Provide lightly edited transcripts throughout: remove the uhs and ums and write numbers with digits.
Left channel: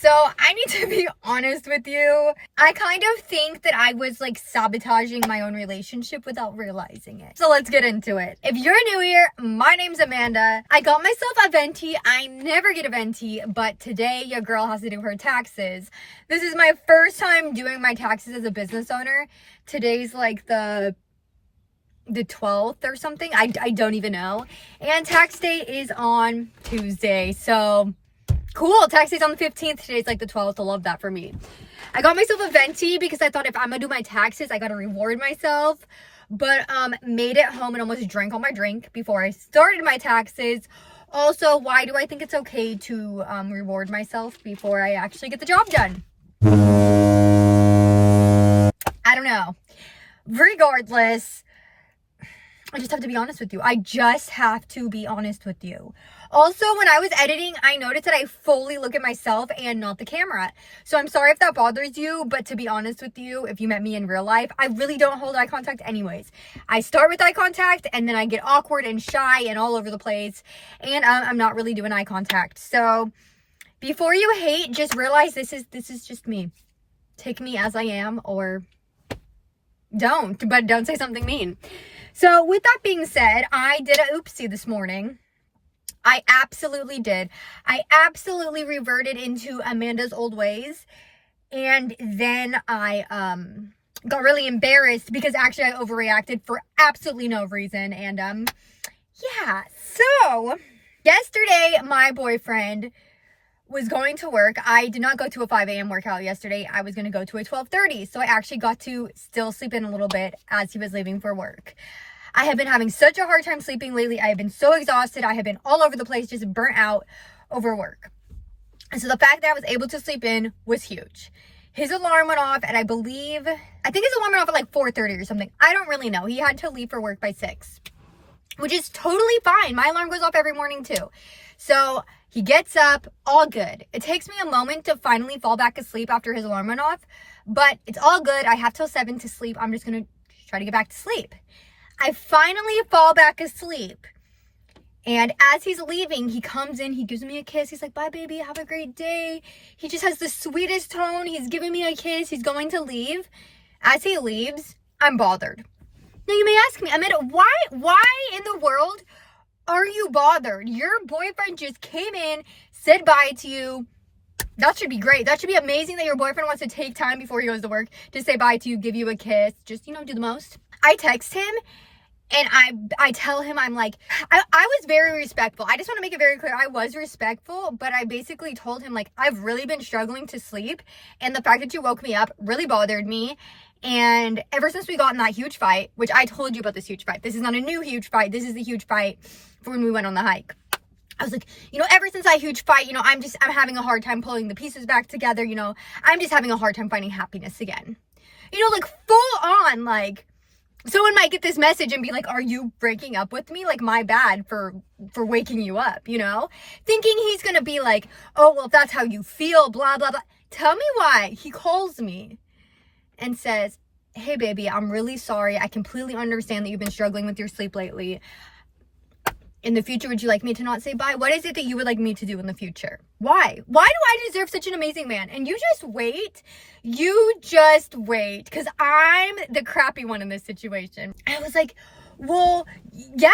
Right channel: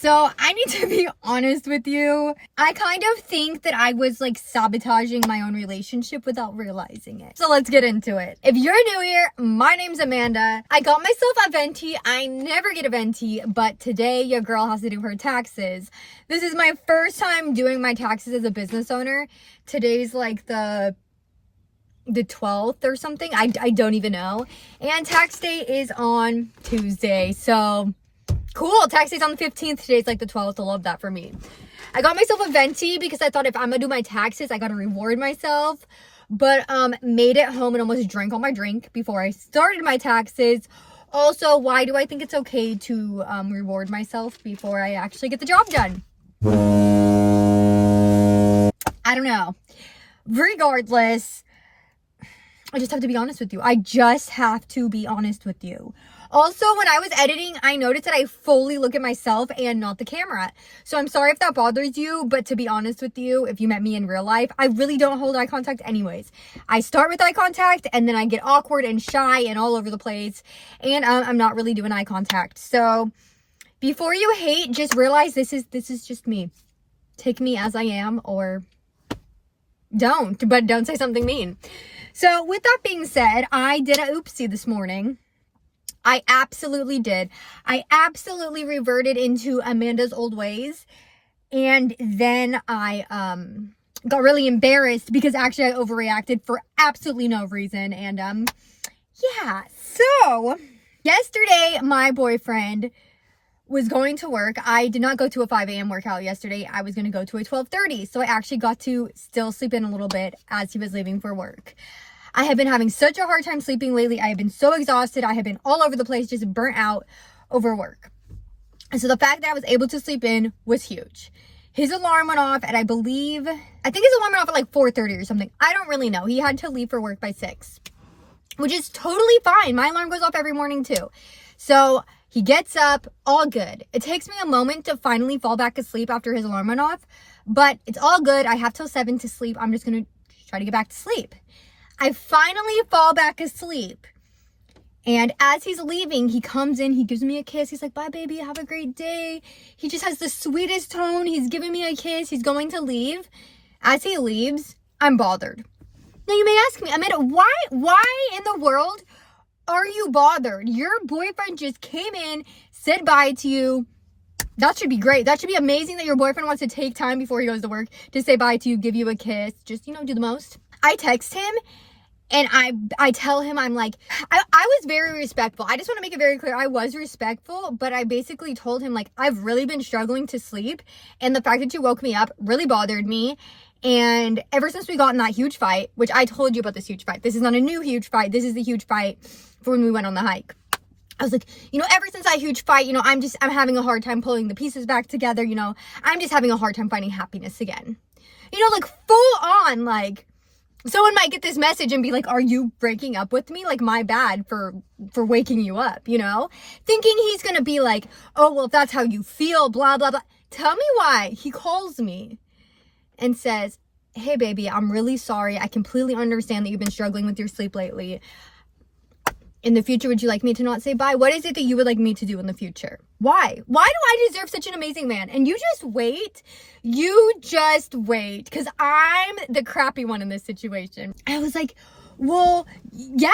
So I need to be honest with you. I kind of think that I was like sabotaging my own relationship without realizing it. So let's get into it. If you're new here, my name's Amanda. I got myself a venti. I never get a venti, but today your girl has to do her taxes. This is my first time doing my taxes as a business owner. Today's like the 12th or something. I don't even know. And tax day is on Tuesday. So cool. Tax day's on the 15th. Today's like the 12th. I love that for me. I got myself a venti because I thought if I'm gonna do my taxes, I gotta reward myself. But made it home and almost drank all my drink before I started my taxes. Also, why do I think it's okay to reward myself before I actually get the job done? I don't know. Regardless, I just have to be honest with you. I just have to be honest with you. Also, when I was editing, I noticed that I fully look at myself and not the camera. So I'm sorry if that bothers you, but to be honest with you, if you met me in real life, I really don't hold eye contact anyways. I start with eye contact and then I get awkward and shy and all over the place. And I'm not really doing eye contact. So before you hate, just realize this is just me. Take me as I am or don't, but don't say something mean. So with that being said, I did a oopsie this morning. I absolutely did. I absolutely reverted into Amanda's old ways. And then I got really embarrassed because actually I overreacted for absolutely no reason. And yeah. So yesterday my boyfriend was going to work. I did not go to a 5 a.m. workout yesterday. I was going to go to a 12:30. So I actually got to still sleep in a little bit as he was leaving for work. I have been having such a hard time sleeping lately. I have been so exhausted. I have been all over the place, just burnt out over work. And so the fact that I was able to sleep in was huge. His alarm went off at I think his alarm went off at like 4:30 or something. I don't really know. He had to leave for work by 6, which is totally fine. My alarm goes off every morning too. So he gets up, all good. It takes me a moment to finally fall back asleep after his alarm went off, but it's all good. I have till 7 to sleep. I'm just going to try to get back to sleep. I finally fall back asleep. And as he's leaving, he comes in, he gives me a kiss. He's like, bye, baby, have a great day. He just has the sweetest tone. He's giving me a kiss. He's going to leave. As he leaves, I'm bothered. Now, you may ask me, Amanda, why in the world are you bothered? Your boyfriend just came in, said bye to you. That should be great. That should be amazing that your boyfriend wants to take time before he goes to work to say bye to you, give you a kiss. Just, do the most. I text him. And I tell him, I'm like, I was very respectful. I just want to make it very clear. I was respectful, but I basically told him, like, I've really been struggling to sleep. And the fact that you woke me up really bothered me. And ever since we got in that huge fight, which I told you about this huge fight. This is not a new huge fight. This is the huge fight for when we went on the hike. I was like, ever since that huge fight, I'm having a hard time pulling the pieces back together. I'm just having a hard time finding happiness again. Like full on, like, someone might get this message and be like, are you breaking up with me? Like, my bad for waking you up, Thinking he's going to be like, oh, well, if that's how you feel, blah, blah, blah. Tell me why. He calls me and says, hey, baby, I'm really sorry. I completely understand that you've been struggling with your sleep lately. In the future, would you like me to not say bye? What is it that you would like me to do in the future? Why? Why do I deserve such an amazing man? And you just wait. You just wait. Because I'm the crappy one in this situation. I was like, well, yeah,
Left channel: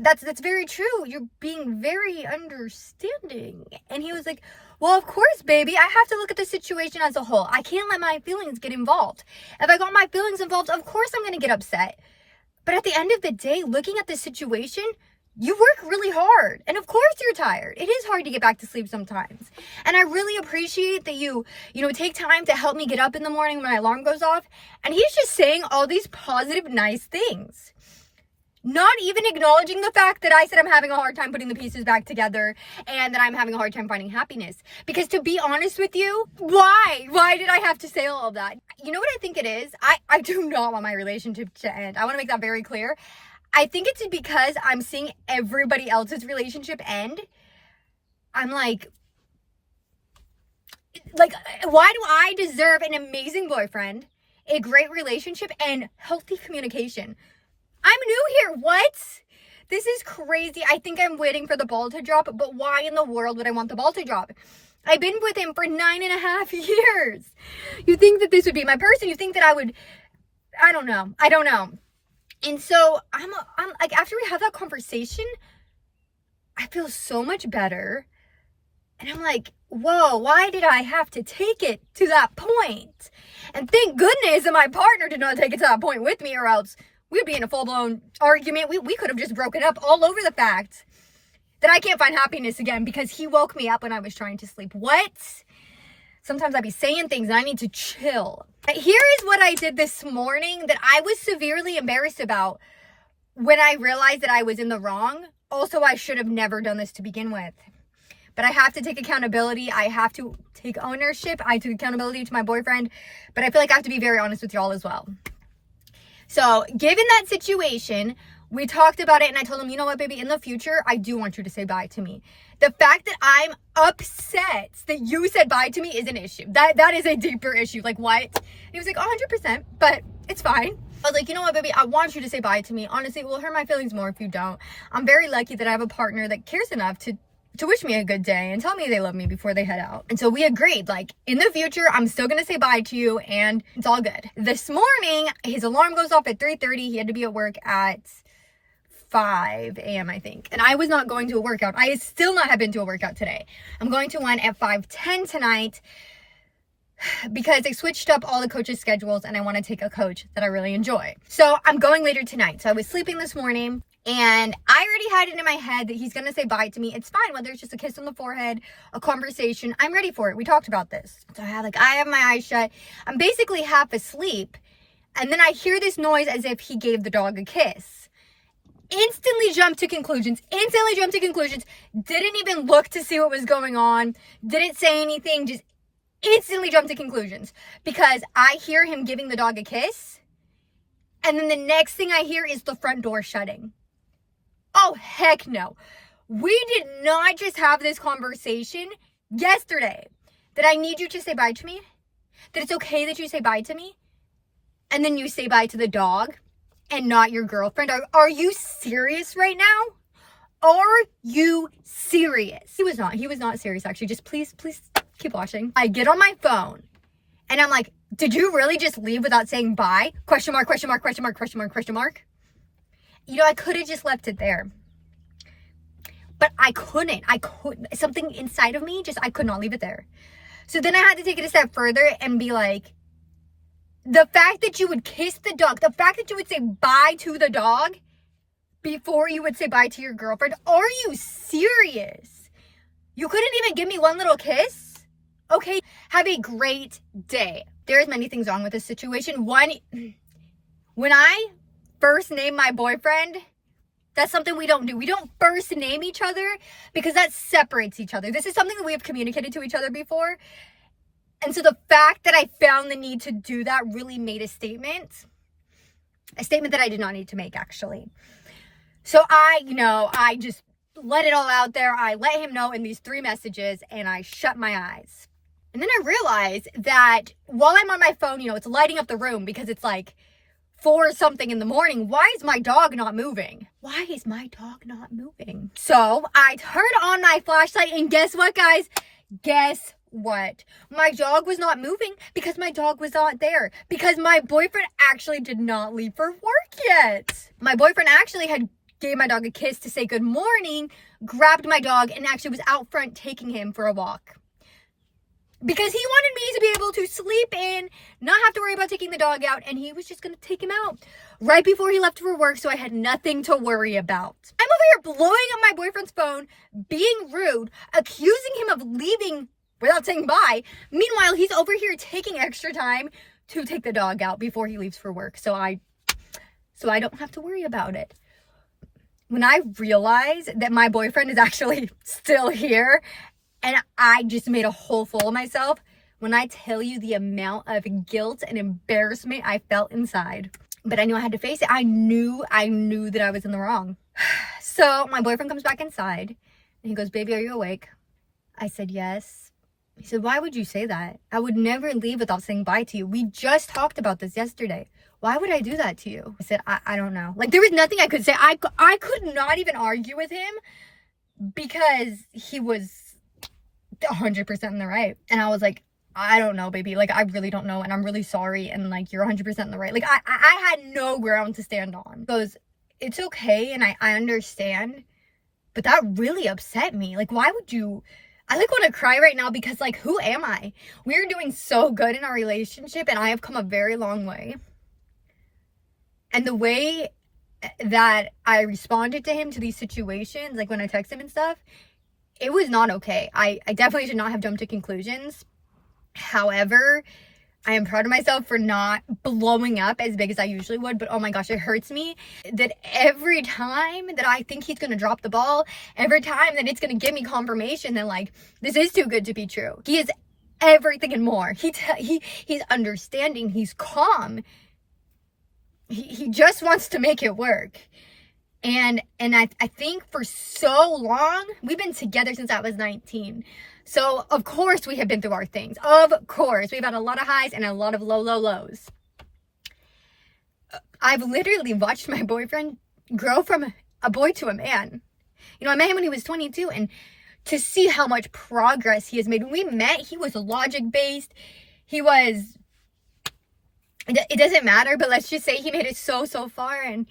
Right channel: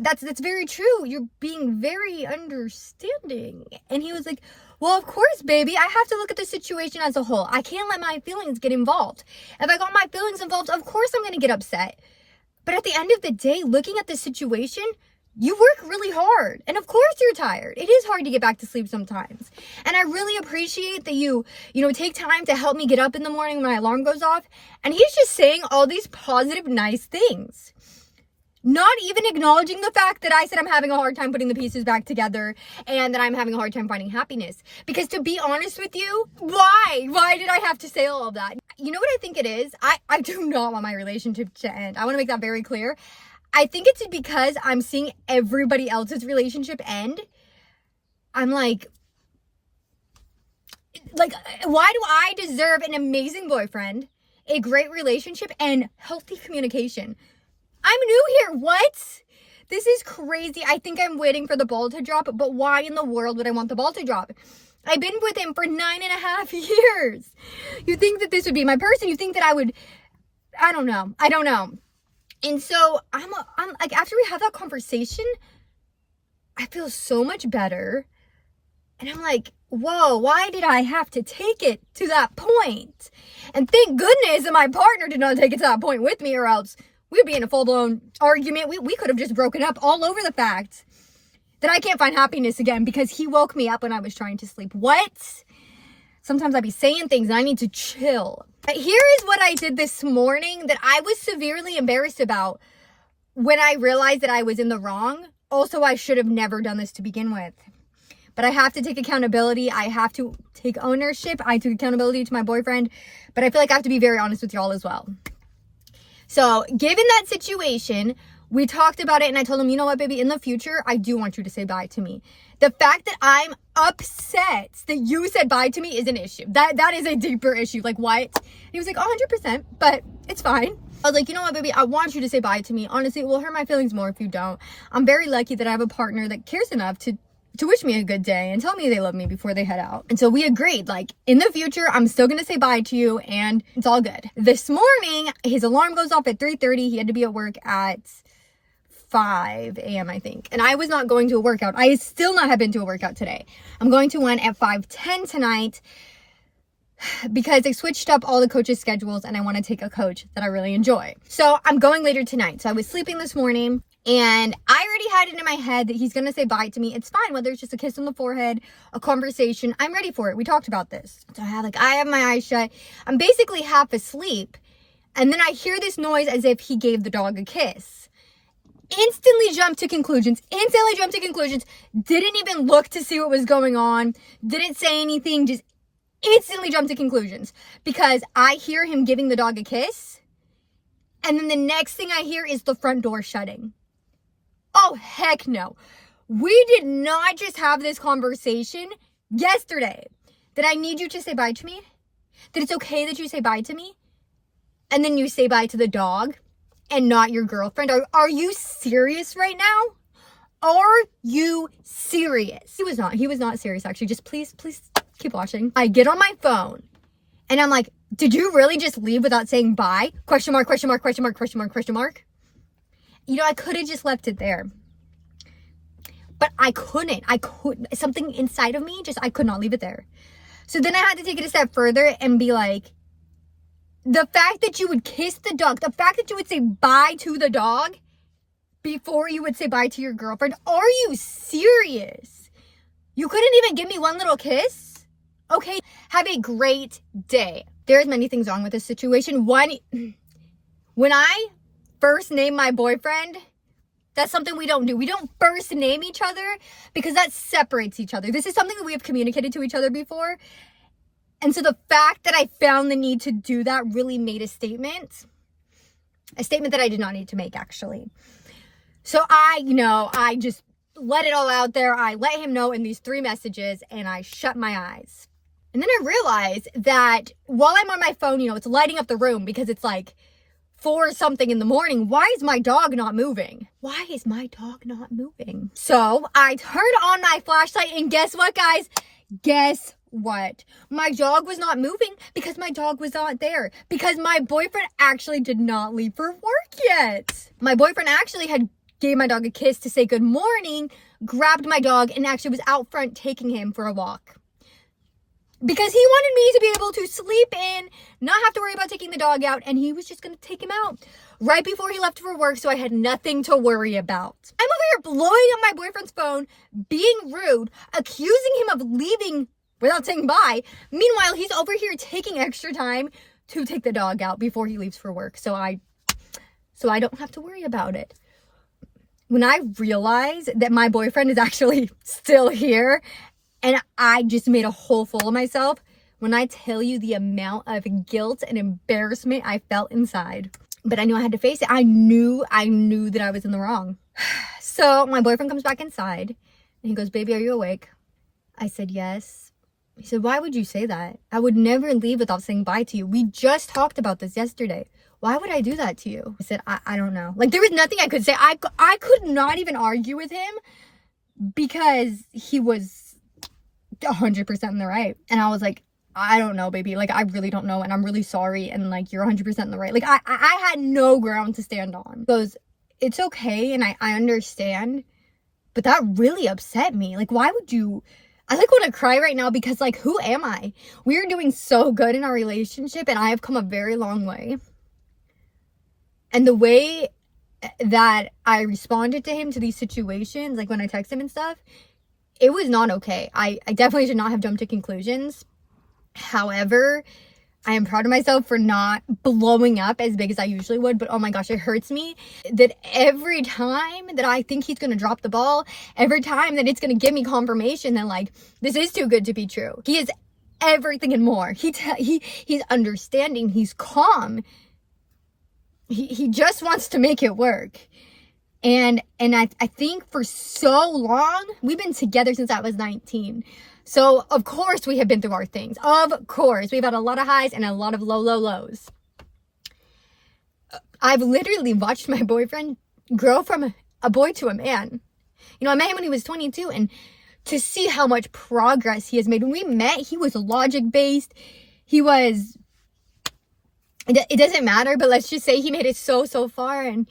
that's very true. You're being very understanding. And he was like, well, of course, baby. I have to look at the situation as a whole. I can't let my feelings get involved. If I got my feelings involved, of course I'm going to get upset. But at the end of the day, looking at the situation, you work really hard. And of course you're tired. It is hard to get back to sleep sometimes. And I really appreciate that you take time to help me get up in the morning when my alarm goes off. And he's just saying all these positive, nice things. Not even acknowledging the fact that I said I'm having a hard time putting the pieces back together and that I'm having a hard time finding happiness. Because to be honest with you, why? Why did I have to say all of that? You know what I think it is? I do not want my relationship to end. I want to make that very clear. I think it's because I'm seeing everybody else's relationship end. I'm like, why do I deserve an amazing boyfriend, a great relationship, and healthy communication? I'm new here. What? This is crazy. I think I'm waiting for the ball to drop, but why in the world would I want the ball to drop? I've been with him for 9.5 years. You think that this would be my person? You think that I would, I don't know. And so I'm like, after we have that conversation, I feel so much better. And I'm like, whoa, why did I have to take it to that point? And thank goodness that my partner did not take it to that point with me, or else we'd be in a full-blown argument. We could have just broken up all over the fact that I can't find happiness again because he woke me up when I was trying to sleep. What? Sometimes I'd be saying things and I need to chill. But here is what I did this morning that I was severely embarrassed about when I realized that I was in the wrong. Also, I should have never done this to begin with. But I have to take accountability. I have to take ownership. I took accountability to my boyfriend. But I feel like I have to be very honest with y'all as well. So, given that situation, we talked about it and I told him, you know what, baby, in the future, I do want you to say bye to me. The fact that I'm upset that you said bye to me is an issue. That is a deeper issue. Like, what? And he was like, 100%, but it's fine. I was like, you know what, baby, I want you to say bye to me. Honestly, it will hurt my feelings more if you don't. I'm very lucky that I have a partner that cares enough to wish me a good day and tell me they love me before they head out. And so we agreed, like, in the future, I'm still gonna say bye to you and it's all good. This morning, his alarm goes off at 3:30. He had to be at work at 5 a.m. I think. And I was not going to a workout. I still not have been to a workout today. I'm going to one at 5:10 tonight because they switched up all the coaches' schedules and I want to take a coach that I really enjoy. So I'm going later tonight. So I was sleeping this morning and I already had it in my head that he's going to say bye to me. It's fine, whether it's just a kiss on the forehead, a conversation. I'm ready for it. We talked about this. So I have my eyes shut. I'm basically half asleep. And then I hear this noise as if he gave the dog a kiss. Instantly jumped to conclusions. Didn't even look to see what was going on. Didn't say anything. Just instantly jumped to conclusions. Because I hear him giving the dog a kiss. And then the next thing I hear is the front door shutting. Oh, heck no. We did not just have this conversation yesterday that I need you to say bye to me. That it's okay that you say bye to me. And then you say bye to the dog and not your girlfriend. Are you serious right now? Are you serious? He was not serious actually. Just please keep watching. I get on my phone and I'm like, did you really just leave without saying bye? Question mark. You know, I could have just left it there. But I couldn't. Something inside of me I could not leave it there. So then I had to take it a step further and be like, the fact that you would kiss the dog, the fact that you would say bye to the dog before you would say bye to your girlfriend, are you serious? You couldn't even give me one little kiss? Okay, have a great day. There's many things wrong with this situation. One, when I first name my boyfriend, that's something we don't do. We don't first name each other because that separates each other. This is something that we have communicated to each other before. And so the fact that I found the need to do that really made a statement that I did not need to make actually. So I just let it all out there. I let him know in these 3 messages and I shut my eyes. And then I realized that while I'm on my phone, it's lighting up the room because it's like 4 something in the morning. Why is my dog not moving? So I turned on my flashlight and guess what, guys? Guess what? My dog was not moving because my dog was not there. Because my boyfriend actually did not leave for work yet. My boyfriend actually had gave my dog a kiss to say good morning, grabbed my dog, and actually was out front taking him for a walk. Because he wanted me to be able to sleep in, not have to worry about taking the dog out, and he was just going to take him out right before he left for work, so I had nothing to worry about. I'm over here blowing up my boyfriend's phone, being rude, accusing him of leaving without saying bye. Meanwhile, he's over here taking extra time to take the dog out before he leaves for work, so I don't have to worry about it. When I realized that my boyfriend is actually still here, and I just made a whole fool of myself, when I tell you the amount of guilt and embarrassment I felt inside. But I knew I had to face it. I knew that I was in the wrong. So my boyfriend comes back inside and he goes, baby, are you awake? I said, yes. He said, why would you say that? I would never leave without saying bye to you. We just talked about this yesterday. Why would I do that to you? I said, I don't know. Like, there was nothing I could say. I could not even argue with him because he was 100% in the right. And I was like, I don't know, baby. Like, I really don't know. And I'm really sorry. And like, you're 100% in the right. Like, I had no ground to stand on. He goes, it's okay. And I understand. But that really upset me. Like, why would you? I like want to cry right now because like, who am I? We are doing so good in our relationship and I have come a very long way. And the way that I responded to him, to these situations, like when I text him and stuff, it was not okay. I definitely should not have jumped to conclusions. However, I am proud of myself for not blowing up as big as I usually would. But oh my gosh, it hurts me that every time that I think he's going to drop the ball, every time that it's going to give me confirmation that like, this is too good to be true. He is everything and more. He's understanding. He's calm. He just wants to make it work. And I think for so long, we've been together since I was 19. So of course we have been through our things. Of course, we've had a lot of highs and a lot of lows. I've literally watched my boyfriend grow from a boy to a man. You know, I met him when he was 22, and to see how much progress he has made. When we met, he was logic-based. He was, it doesn't matter, but let's just say he made it so far, and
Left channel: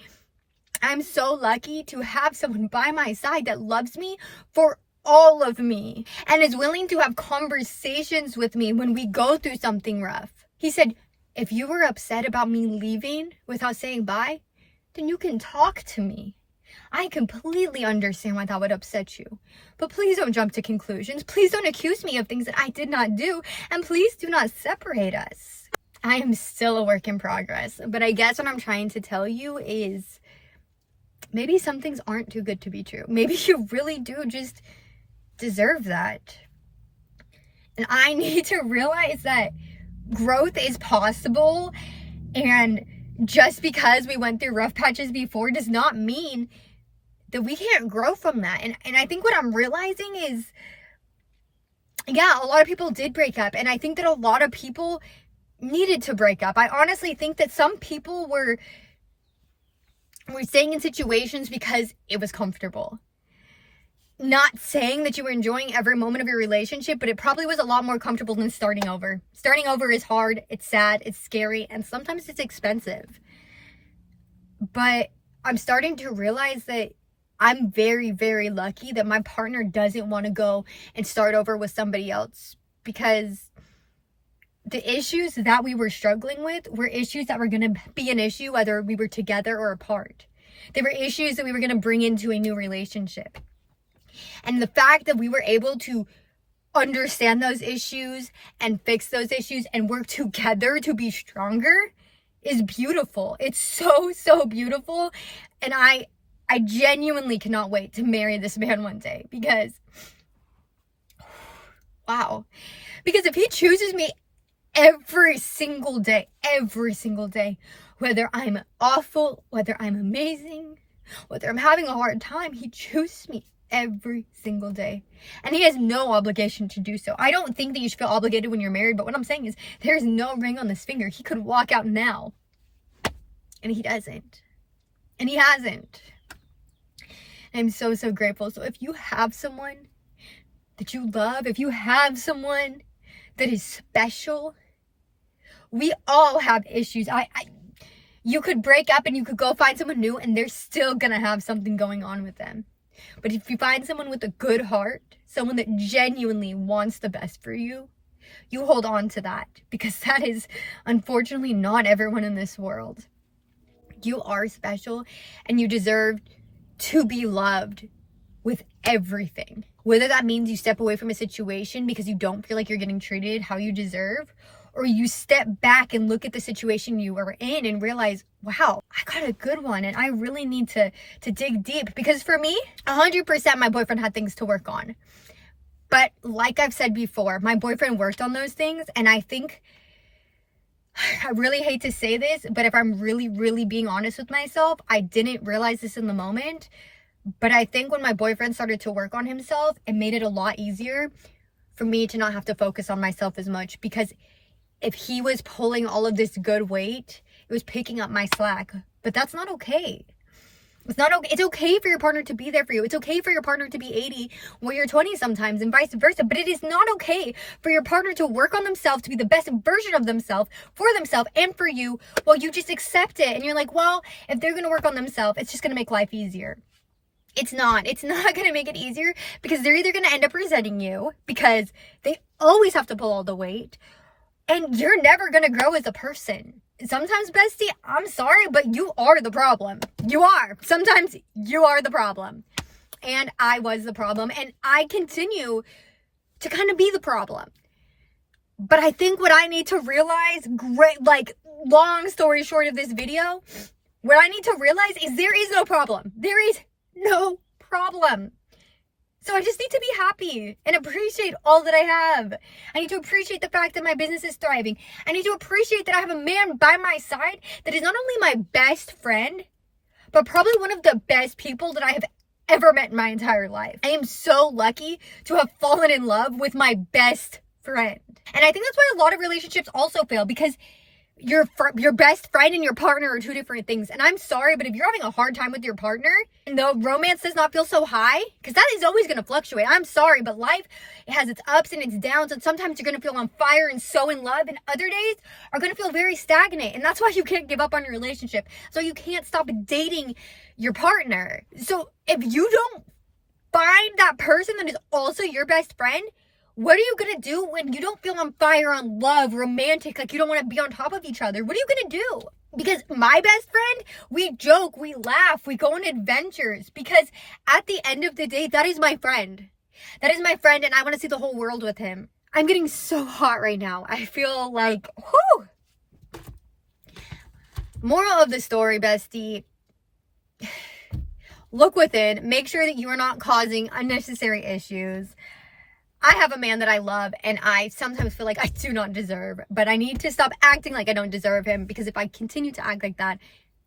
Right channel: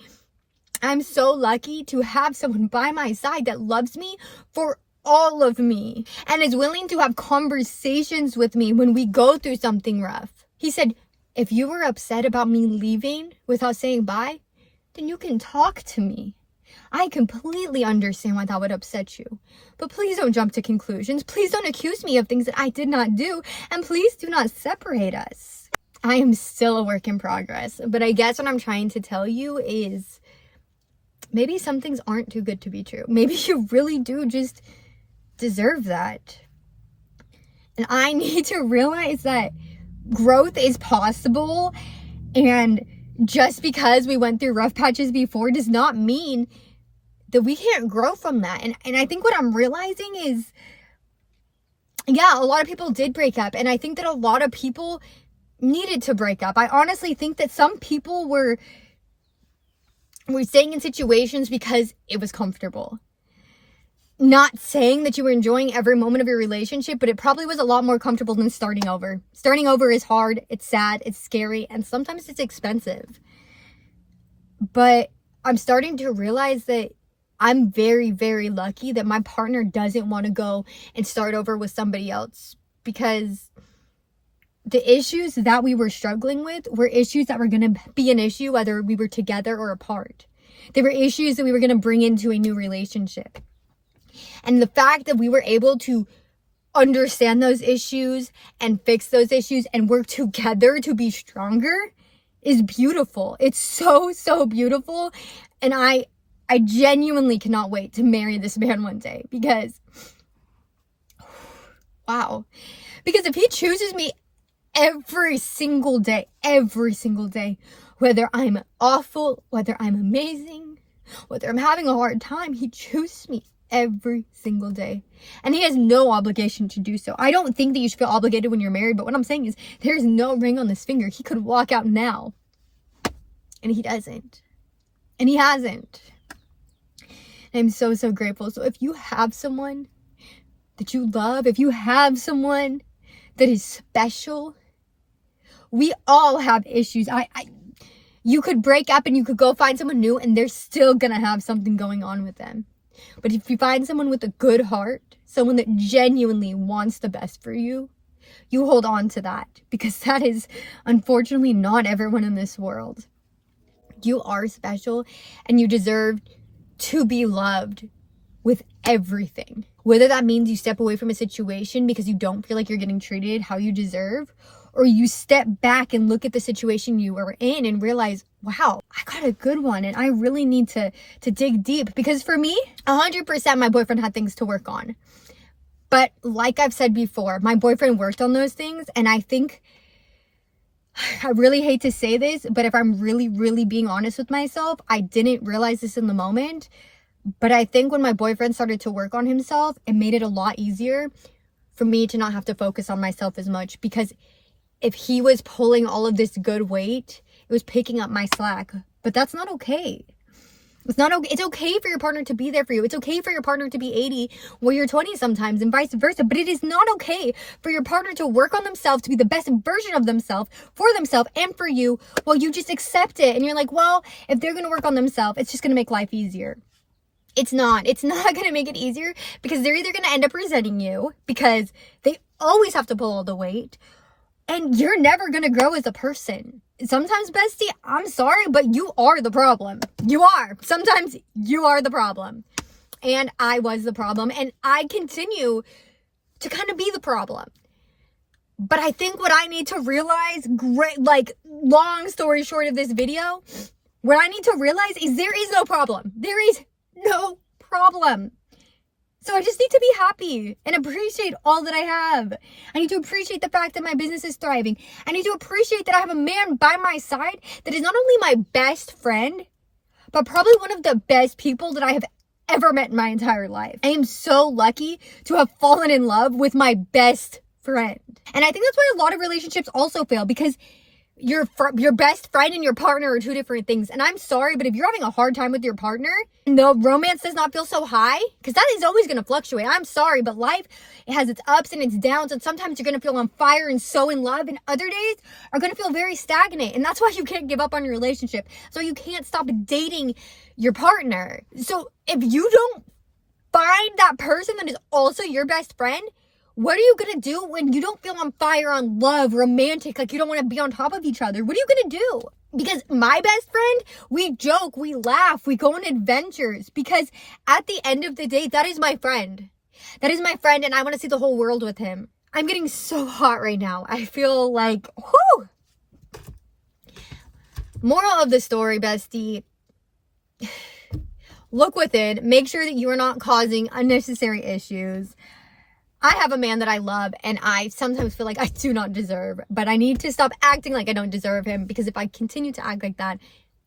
I'm so lucky to have someone by my side that loves me for all of me and is willing to have conversations with me when we go through something rough. He said, if you were upset about me leaving without saying bye, then you can talk to me. I completely understand why that would upset you. But please don't jump to conclusions. Please don't accuse me of things that I did not do. And please do not separate us. I am still a work in progress. But I guess what I'm trying to tell you is maybe some things aren't too good to be true. Maybe you really do just deserve that. And I need to realize that growth is possible, and just because we went through rough patches before does not mean that we can't grow from that. And I think what I'm realizing is, yeah, a lot of people did break up, and I think that a lot of people needed to break up. I honestly think that some people were staying in situations because it was comfortable. Not saying that you were enjoying every moment of your relationship, but it probably was a lot more comfortable than starting over. Starting over is hard, it's sad, it's scary, and sometimes it's expensive. But I'm starting to realize that I'm very, very lucky that my partner doesn't want to go and start over with somebody else, because the issues that we were struggling with were issues that were going to be an issue whether we were together or apart. They were issues that we were going to bring into a new relationship. And the fact that we were able to understand those issues and fix those issues and work together to be stronger is beautiful. It's so beautiful. And I genuinely cannot wait to marry this man one day, because, wow. Because if he chooses me every single day, whether I'm awful, whether I'm amazing, whether I'm having a hard time, he chooses me every single day. And he has no obligation to do so. I don't think that you should feel obligated when you're married, but what I'm saying is there's no ring on this finger. He could walk out now, and he doesn't. And he hasn't. I'm so grateful. So if you have someone that you love, if you have someone that is special, we all have issues. You could break up and you could go find someone new, and they're still gonna have something going on with them. But if you find someone with a good heart, someone that genuinely wants the best for you, you hold on to that, because that is unfortunately not everyone in this world. You are special, and you deserve to be loved with everything. Whether that means you step away from a situation because you don't feel like you're getting treated how you deserve, or you step back and look at the situation you were in and realize, wow, I got a good one and I really need to dig deep. Because for me, 100% my boyfriend had things to work on. But like I've said before, my boyfriend worked on those things, and I think, I really hate to say this, but if I'm really being honest with myself, I didn't realize this in the moment. But I think when my boyfriend started to work on himself, it made it a lot easier for me to not have to focus on myself as much, because if he was pulling all of this good weight, it was picking up my slack. But that's not okay. It's not okay. It's okay for your partner to be there for you. It's okay for your partner to be 80 while you're 20 sometimes, and vice versa. But it is not okay for your partner to work on themselves to be the best version of themselves for themselves and for you while you just accept it. And you're like, well, if they're going to work on themselves, it's just going to make life easier. It's not. It's not going to make it easier, because they're either going to end up resenting you because they always have to pull all the weight, and you're never going to grow as a person. Sometimes, bestie, I'm sorry, but you are the problem. You are. Sometimes you are the problem. And I was the problem. And I continue to kind of be the problem. But I think what I need to realize, long story short of this video, what I need to realize is there is no problem. There is no problem. So I just need to be happy and appreciate all that I have. I need to appreciate the fact that my business is thriving. I need to appreciate that I have a man by my side that is not only my best friend, but probably one of the best people that I have ever met in my entire life. I am so lucky to have fallen in love with my best friend. And I think that's why a lot of relationships also fail, because your best friend and your partner are two different things. And I'm sorry, but if you're having a hard time with your partner and the romance does not feel so high, because that is always going to fluctuate. I'm sorry, but life, it has its ups and its downs. And sometimes you're going to feel on fire and so in love, and other days are going to feel very stagnant. And that's why you can't give up on your relationship. So you can't stop dating your partner. So if you don't find that person that is also your best friend, what are you going to do when you don't feel on fire on love, romantic, like you don't want to be on top of each other? What are you going to do? Because my best friend, we joke, we laugh, we go on adventures, because at the end of the day, that is my friend. That is my friend, and I want to see the whole world with him. I'm getting so hot right now. I feel like, whoo! Moral of the story, bestie. Look within. Make sure that you are not causing unnecessary issues. I have a man that I love, and I sometimes feel like I do not deserve, but I need to stop acting like I don't deserve him, because if I continue to act like that,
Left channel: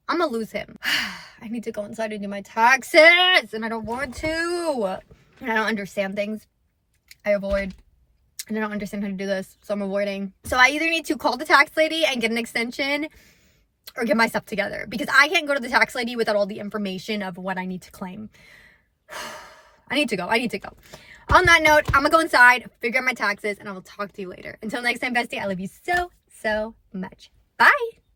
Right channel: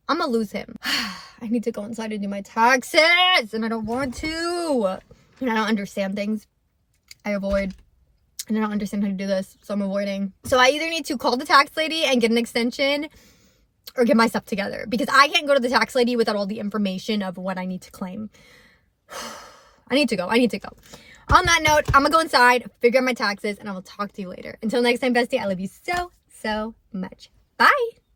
I'm gonna lose him. I need to go inside and do my taxes, and I don't want to. And I don't understand things. I avoid, and I don't understand how to do this, so I'm avoiding. So I either need to call the tax lady and get an extension, or get my stuff together, because I can't go to the tax lady without all the information of what I need to claim. I need to go. On that note, I'm gonna go inside, figure out my taxes, and I will talk to you later. Until next time, bestie, I love you so, so much. Bye.